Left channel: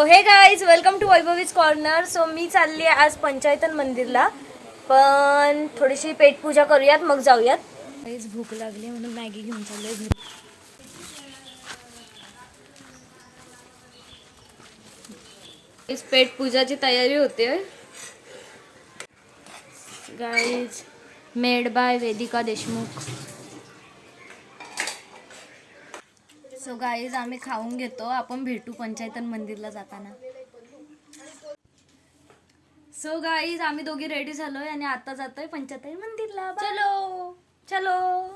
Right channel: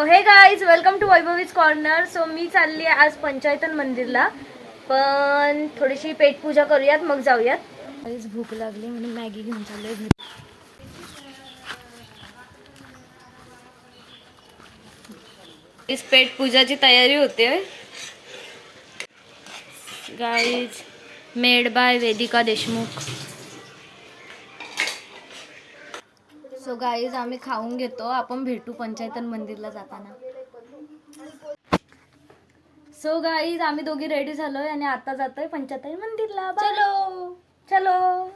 So hey guys welcome to Vaibhavi's corner. So मी चालली आहे आज पंचायतन मंदिरला, पण थोडीशी पेटपूजा करूयात मग जाऊयात. गाईज भूक लागली म्हणून मॅगी घेऊन चाललोय घरी. इस पेटपूजाची तयारी होते guys, made by Vedika Deshmukh. So guys आम्ही खाऊन घेतो, आपण भेटू पंचायतन मंदिरला जाताना. सो गाईज आम्ही दोघी रेडी झालोय आणि आता जातोय पंचायतन मंदिरला. चलो चलो.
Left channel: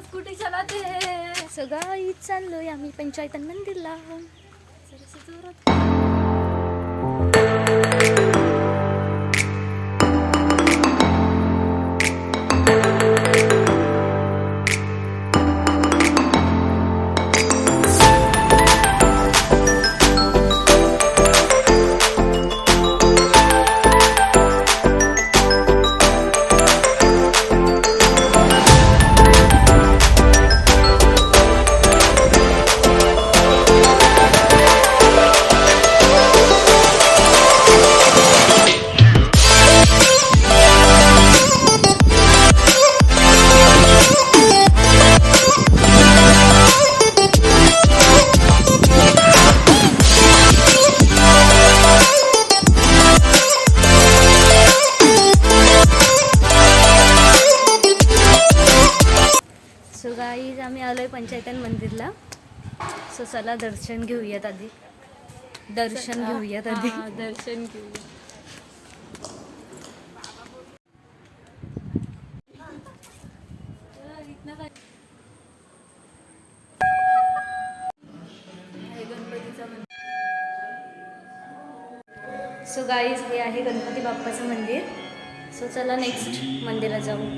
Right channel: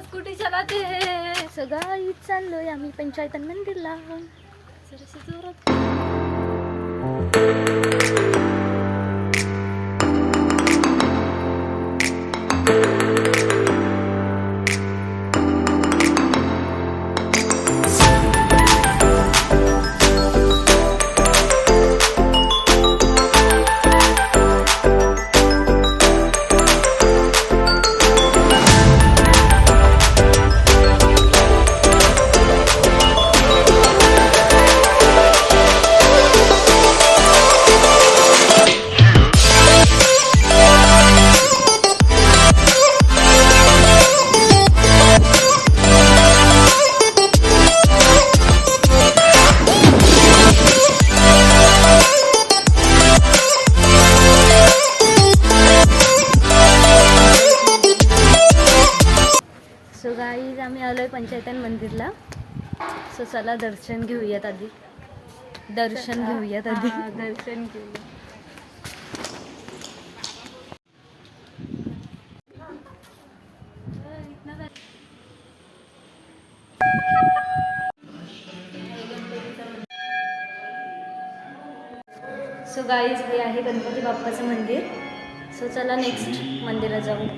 स्कूटी चलाते. सो गाईज चाललोय आम्ही पंचायतन मंदिरला. सो गाईज आम्ही आलोय पंचायतन मंदिरला. सो चला दर्शन घेऊयात आधी. दर्शन घेऊया. सो गाईज हे आहे गणपती बाप्पाचं मंदिर. सो चला नेक्स्ट मंदिरात जाऊ.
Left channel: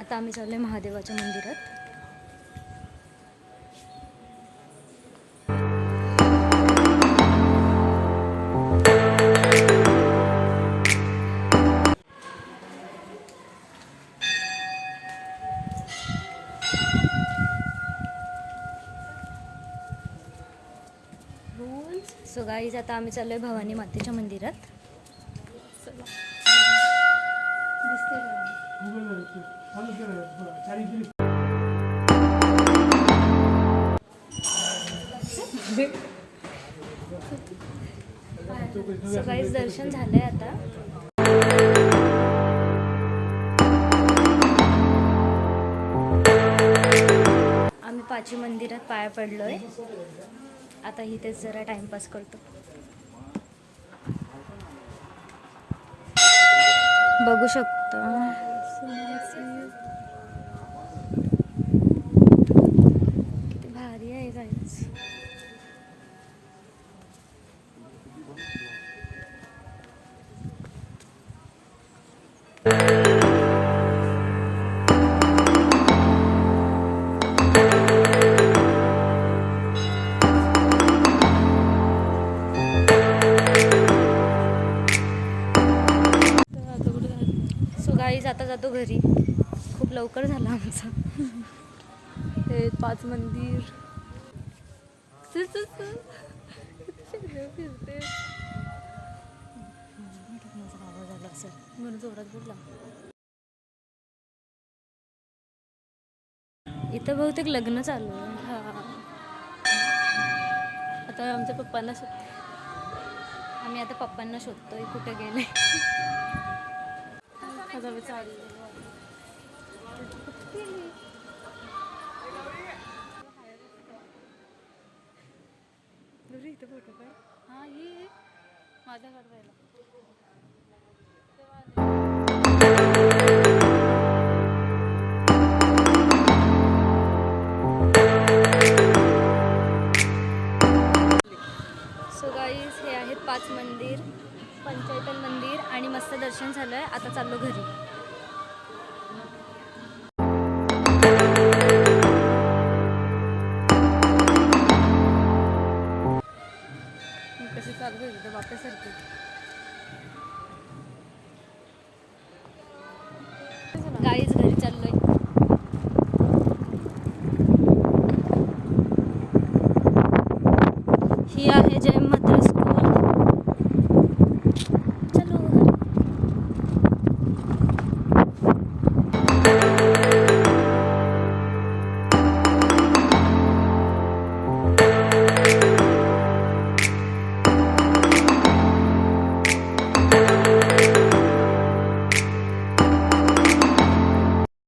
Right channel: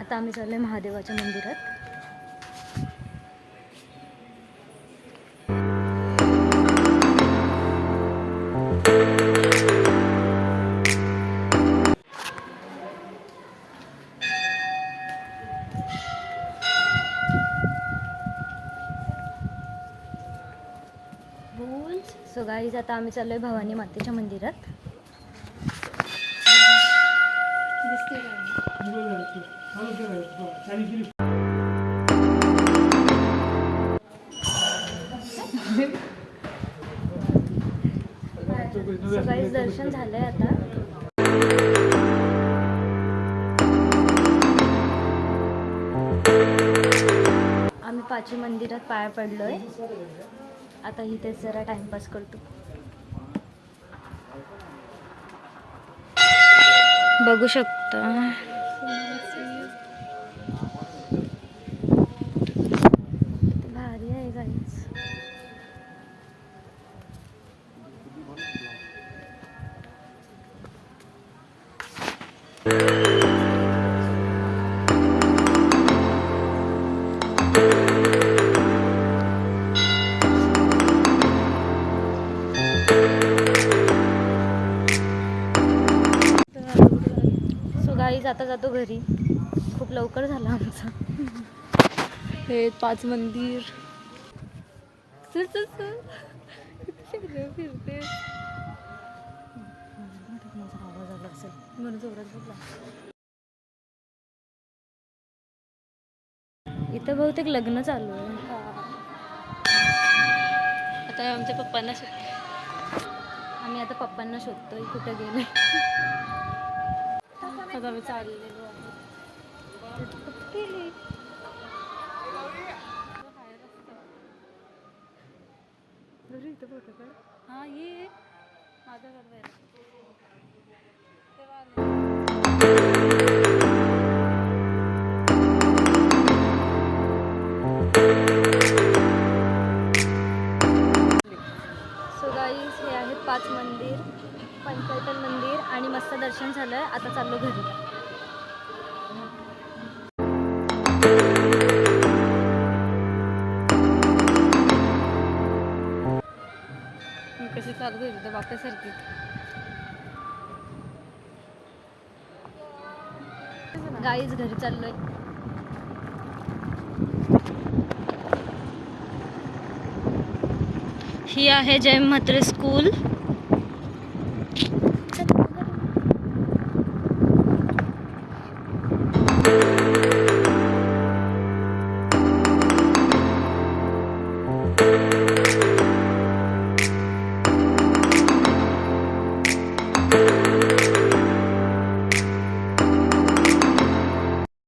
आता आम्ही चाललोय महादेवाच्या मंदिरात. सो गाईज आता आम्ही चाललोय भवानी मातेच्या मंदिरात. सो गाईज दर्शन झालंय आता. आम्ही पाची मंदिरात पाया पडलोय. आता इथेच जरा टाइमपास करतो. बघू शकता किती भारी आहे गाईज. गाईज आता जातो घरी. खूप लवकर झालं आमचं. हे 5 मंदिर. माझा आवाज आला असेल म्हणून जोरात बोलला. इथं बहुतेक लग्न चालू आहे. आता आमच्या पप्पांना आम्ही आता पप्पांना शोधतोय कुठे गेले. आता मी चाललेलो घरी. इथं फोटो काढ. हां ये माझा बघायला. सो गाईज हे आहेत 5 मंदिर, पंचायतन मंदिर आणि मस्त दर्शन झालंय. आता चाललो घरी. चालत होती तर बाप्यासारखी. गाईज घरी चाललोय. ही आहे जय म्हात्रे स्कूल.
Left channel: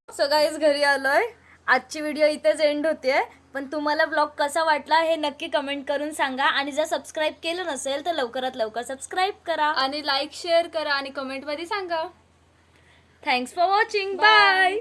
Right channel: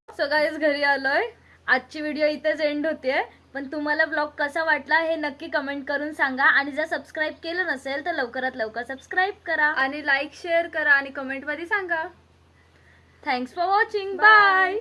सो गाईज घरी आलोय. आजची व्हिडिओ इथेच एंड होते. पण तुम्हाला ब्लॉग कसा वाटला हे नक्की कमेंट करून सांगा. आणि जर सबस्क्राईब केलं नसेल तर लवकरात लवकर सबस्क्राईब करा आणि लाईक शेअर करा आणि कमेंटमध्ये सांगा. Thanks for watching. बाय.